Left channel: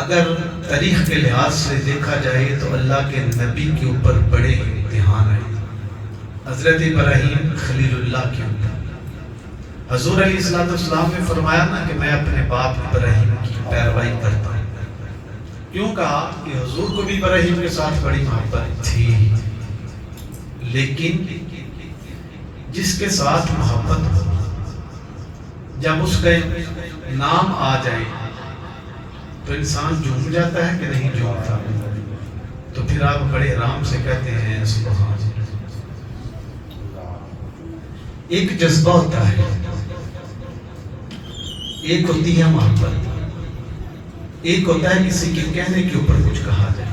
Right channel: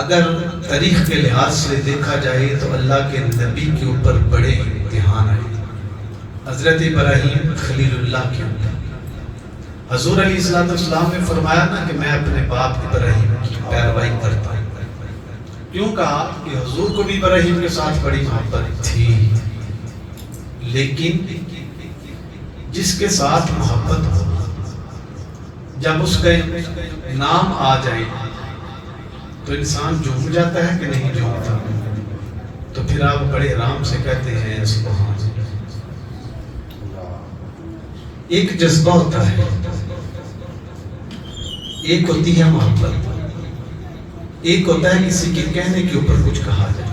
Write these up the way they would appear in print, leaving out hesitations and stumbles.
اگر تاریخ کے لحاظ سے دیکھا جائے تو اللہ کے نبی کے اوپر بڑے امتحان آئے. حضرت ابراہیم خلیل اللہ کے اوپر حضور علیہ السلام نے فرمایا نا کہ میں اپنے باپ ابراہیم کی پیروی کرتا ہوں. کیوں کہا کہ حضور کو بھی ابراہیم کے ساتھ بڑی محبت تھی، لیکن جس کے ساتھ محبت ہو جب اس کا نام آ جائے تو انسان جھوم جاتا ہے کہ نہیں جھومتا؟ تو پھر آپ بڑے آرام سے کہتے ہیں سبحان اللہ. ایک جذبہ ہوتا ہے، ایک ہوتی ہے محبت، ایک ہوتا ہے کسی کے کہنے کے اوپر کچھ کہا جائے.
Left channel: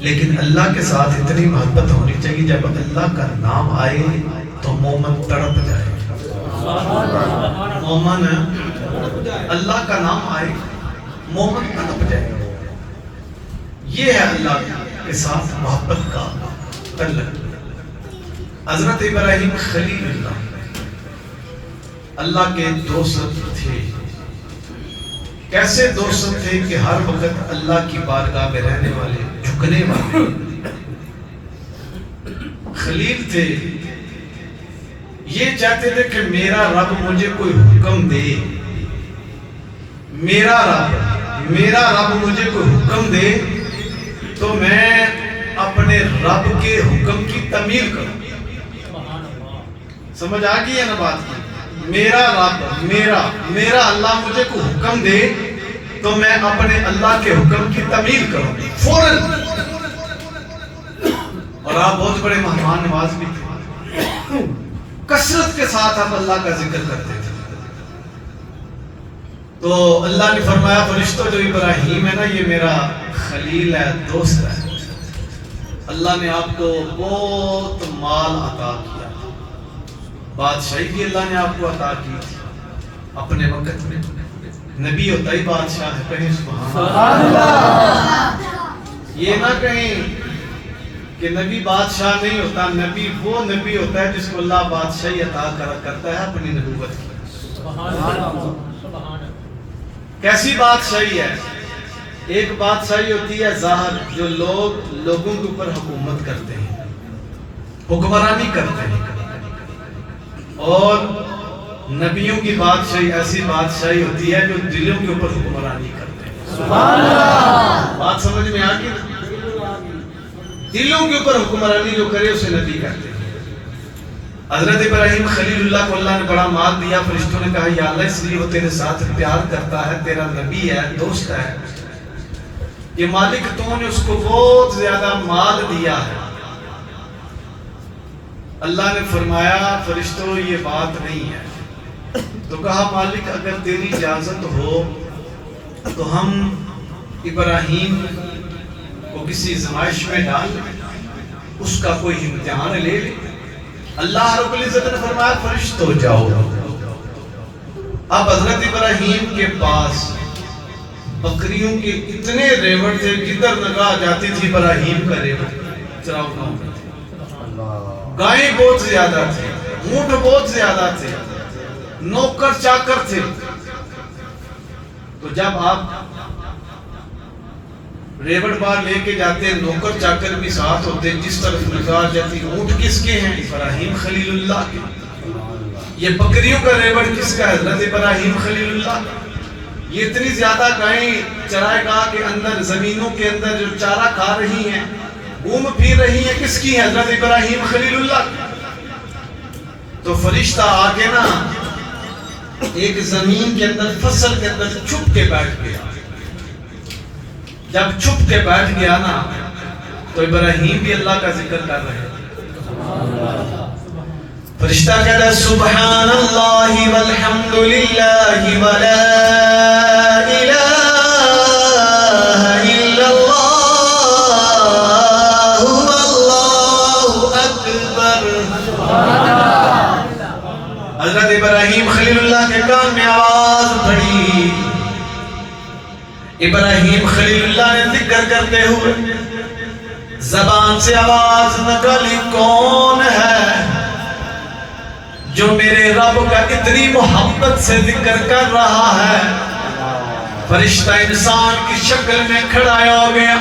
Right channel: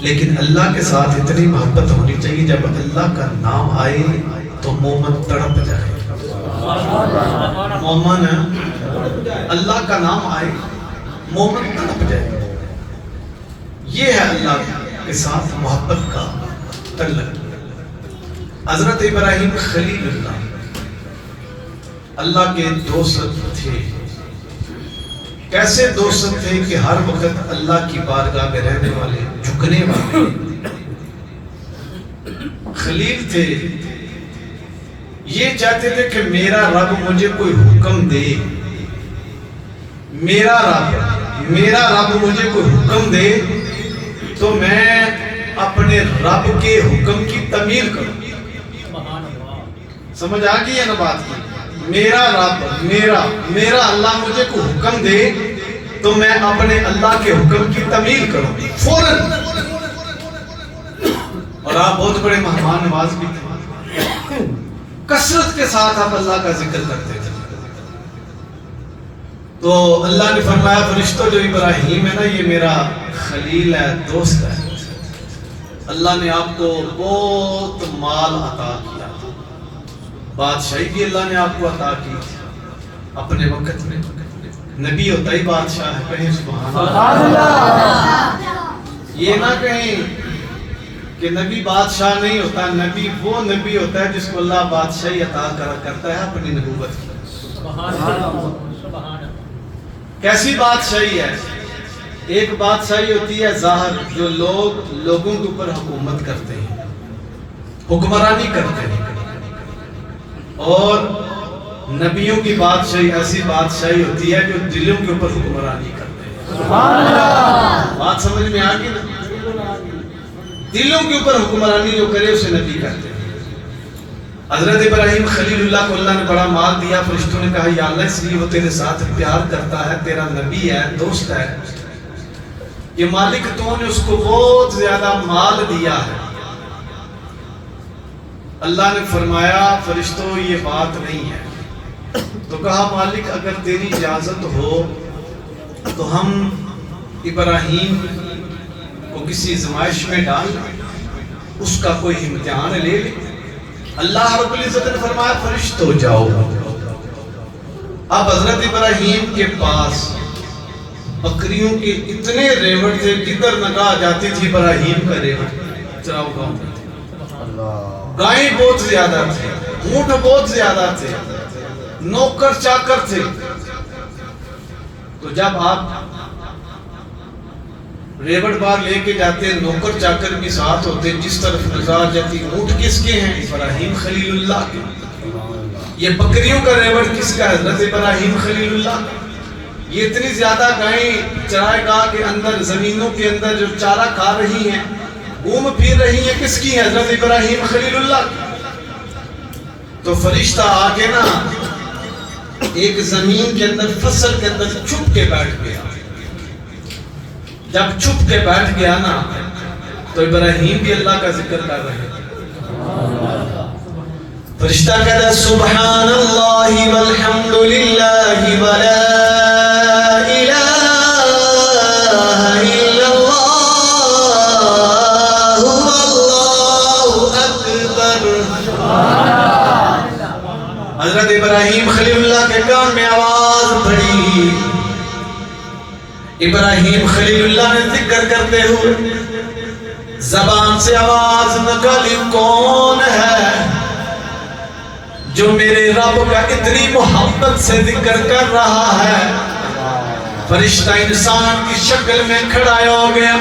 لیکن اللہ کے ساتھ اتنی محبت ہونی چاہیے جب اللہ کا نام آئے تو مومن تڑپ جائے. مومن اللہ کا نام آئے مومن تڑپ جائے. یہ ہے اللہ کے ساتھ محبت کا تعلق. حضرت ابراہیم خلیل اللہ کے دوست تھے. کیسے دوست تھے کہ ہر وقت اللہ کی بارگاہ میں رہنے والے، جھکنے والے خلیل تھے. یہ چاہتے تھے کہ میرا رب مجھے کوئی حکم دے، میرا رب مجھے کوئی حکم دے تو میں اپنے رب کے حکم کی تعمیل کروں. سمجھ آ گئی ہے نا بات کی؟ میرا رب، میرا اللہ مجھے کوئی حکم دے تو میں اپنے اللہ کے حکم کی تعمیل کروں فوراً. اور آپ بہت بڑے مہمان نواز بھی تھے، کثرت کے ساتھ آپ اللہ کا ذکر کرتے تھے. تو اللہ نے فرمایا فرشتوں جو ابراہیم ہے نا یہ میرا خلیل ہے، دوست ہے. اللہ نے آپ کو بہت مال عطا کیا، بادشاہی بھی اللہ نے آپ کو عطا کی اپنے وقت میں. نبی ہوتا ہی بادشاہ ہے، کہیں سبحان اللہ. یہ نہ کہیں کہ نبی بادشاہ نہیں ہوتا، نبی وہ نبی ہوتا ہے جس کو اللہ بادشاہی عطا کرتا ہے اپنی نبوت کی. کیسی بادشاہی ہے؟ ایک بادشاہی ہوتی ہے ظاہر، جو لوگوں کے اوپر حکومت کرتے ہیں، حکمرانی کرتے ہیں. اور نبیوں کی بادشاہی ایسی بادشاہی ہوتی ہے جو دلوں کے اوپر حکمرانی کرتے ہیں. سبحان اللہ. بات سمجھ میں آ گئی نا؟ دلوں کے اوپر حکمرانی جو کرے اسے نبی کرتے ہیں. حضرت ابراہیم خلیل اللہ کو اللہ نے بڑا مال دیا. فرشتوں نے کہا یا اللہ اس لیے وہ تیرے ساتھ پیار کرتا ہے، تیرا نبی ہے، دوست ہے، کہ مالک تو نے اس کو بہت زیادہ مال دیا ہے. اللہ نے فرمایا فرشتوں یہ بات نہیں ہے. تو کہا مالک اگر تیری اجازت ہو تو ہم ابراہیم کو کسی زمائش میں ڈال لیں، اس کا کوئی امتحان لے لیں. اللہ رب العزت نے فرمایا فرشتوں جاؤ. اب حضرت ابراہیم کے پاس بکریوں کے اتنے ریوڑ تھے، جدھر نگاہ جاتی تھی ابراہیم کا ریوڑ چراؤ گاؤں میں. گائیں بہت زیادہ تھے، اونٹ بہت زیادہ تھے، نوکر چاکر تھے. تو جب آپ ریوڑ بار لے کے جاتے نوکر چاکر بھی ساتھ ہوتے، جس طرف نگاہ جاتی اونٹ کس کے ہیں؟ ابراہیم خلیل اللہ کے. یہ بکریوں کا ریوڑ کس کا ہے؟ حضرت ابراہیم خلیل اللہ کا. یہ اتنی زیادہ گائیں چرائے گاہ کے اندر، زمینوں کے اندر جو چارہ کھا رہی ہیں، گھوم پھر رہی ہیں، کس کی ہے؟ حضرت ابراہیم خلیل اللہ کی. تو فرشتہ آ کے نا ایک زمین کے اندر، فصل کے اندر چھپ کے بیٹھ گیا. جب چھپ کے بیٹھ گیا نا تو ابراہیم بھی اللہ کا ذکر کر رہے. فرشتہ کہتا ہے سبحان اللہ والحمد للہ ولا الہ الا اللہ واللہ اکبر. حضرت ابراہیم خلیل اللہ کے کان میں آواز پڑی. ابراہیم خلیل اللہ نے ذکر کرتے ہوئے زبان سے آواز نکلی کون ہے جو میرے رب کا اتنی محبت سے ذکر کر رہا ہے؟ فرشتہ انسان کی شکل میں کھڑا ہو گیا،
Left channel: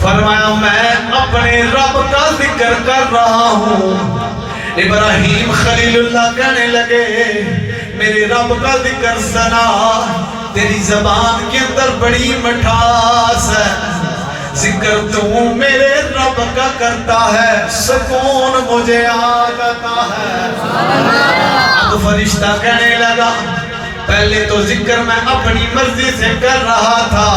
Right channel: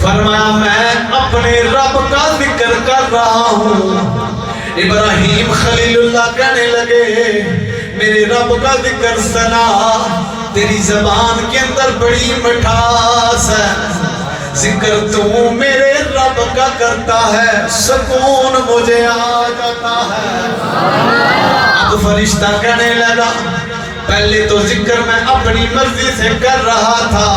فرمایا میں اپنے رب کا ذکر کر رہا ہوں۔ ابراہیم خلیل اللہ کہنے لگے میرے رب کا ذکر سنا، تیری زبان کے اندر بڑی مٹھاس ہے، ذکر تو میرے رب کا کرتا ہے، سکون مجھے آ جاتا ہے۔ اب فرشتہ کہنے لگا پہلے تو ذکر میں اپنی مرضی سے کر رہا تھا،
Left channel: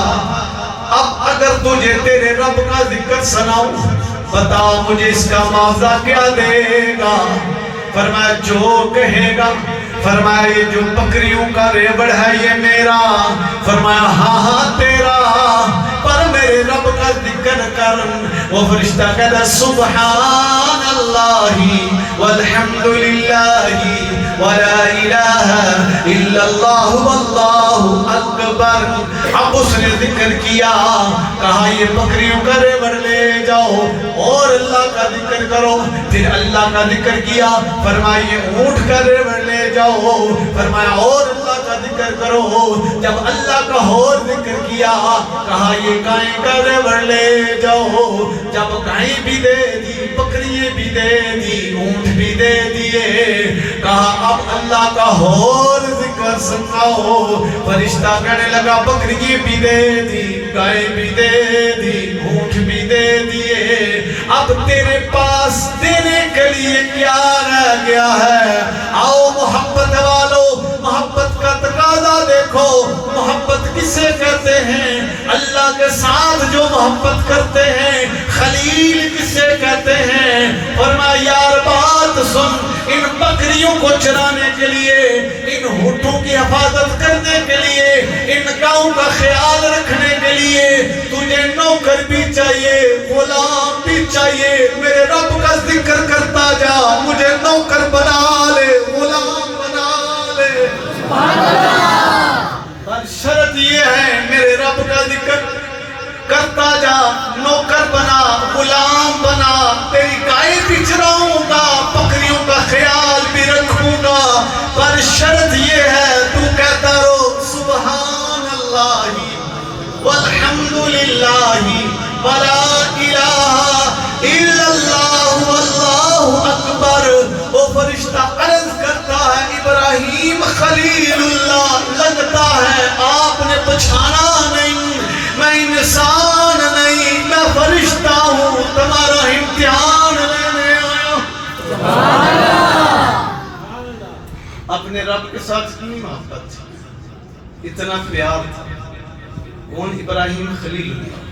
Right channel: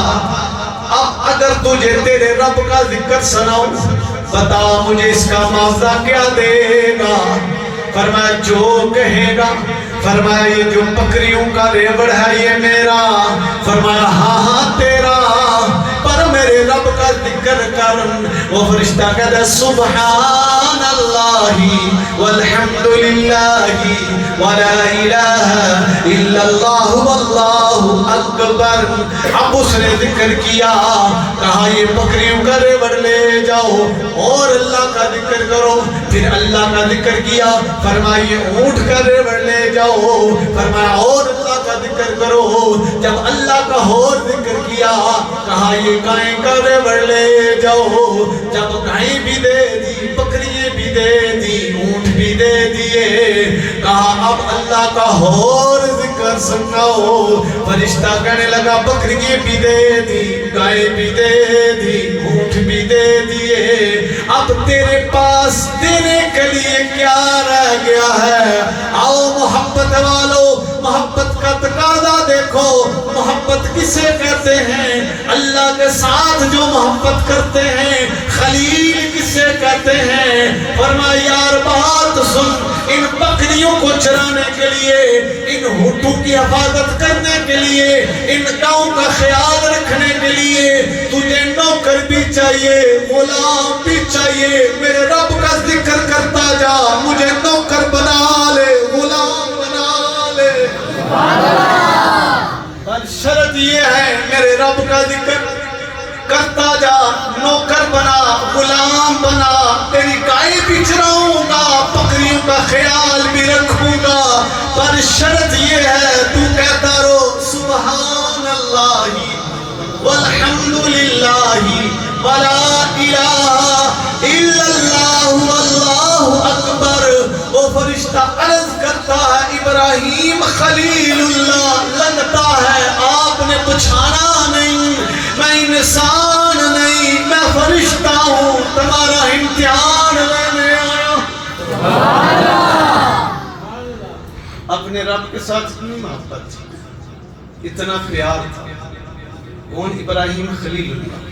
اب اگر تجھے تیرے رب کا ذکر سناؤں بتا مجھے اس کا معاوضہ کیا دے گا؟ فرمایا جو کہے گا۔ فرمایا یہ جو بکریوں کا ریوڑ ہے یہ میرا؟ فرمایا ہاں تیرا، پر میرے رب کا ذکر کر۔ وہ فرشتہ کہتا سبحان اللہ والحمدللہ ولا الہ الا اللہ واللہ اکبر۔ اب اس نے ذکر کیا، کہا یہ بکریوں کا ریوڑ لے جاؤ اور اللہ کا ذکر کرو، پھر اللہ کا ذکر کیا، فرمایا یہ اونٹ کا ریوڑ لے جاؤ، فرمایا اور اللہ کا ذکر کرو، جب اللہ کا اور ذکر کیا کہا یہ گائیں کا ریوڑ لے جاؤ، جب گائیں بھی دے دی، بکری بھی دے دی، اونٹ بھی دے دیے، کہا اب اللہ کا اور ذکر سناؤ۔ فرشتہ کہنے لگا بکری بھی دے دی، گائے بھی دے دی، اونٹ بھی دے دیے، اب تیرے پاس دینے کے لیے کیا رہ گیا ہے؟ آؤ محبت والو، محبت کا تقاضا دیکھو، محبت کسے کرتے ہیں؟ اللہ کے ساتھ جو محبت کرتے ہیں۔ خلیل کسے کہتے ہیں؟ فرمایا یار بات سن، ان بکریوں کو چرانے کے لیے، ان ہونٹوں کی حفاظت کرنے کے لیے، ان گاؤں کا خیال رکھنے کے لیے تجھے نوکر بھی چاہیے، غلام بھی چاہیے۔ میرے رب کا ذکر کرتا جا، مجھے نوکر بنا لے، غلام بنا لے۔ پر شرط یہ ہے میرے رب کا ذکر کرتا جا، نوکر بنا، غلام بنا، تیری گائے بھی چراؤں گا، بکریوں کا خیال بھی رکھوں گا، پر شرط یہ ہے تو کہتا رہو سبحان اللہ والحمدللہ ولا الہ الا اللہ واللہ اکبر۔ وہ فرشتہ عرض کرتا ہے ابراہیم خلیل اللہ، لگتا ہے آپ نے پچھانا نہیں، میں انسان نہیں، میں فرشتہ ہوں، تمہارا امتحان لینے آیا۔ اپنے رب کے ساتھ اتنی محبت تھی، اتنا پیار تھا۔ کون؟ ابراہیم خلیل اللہ۔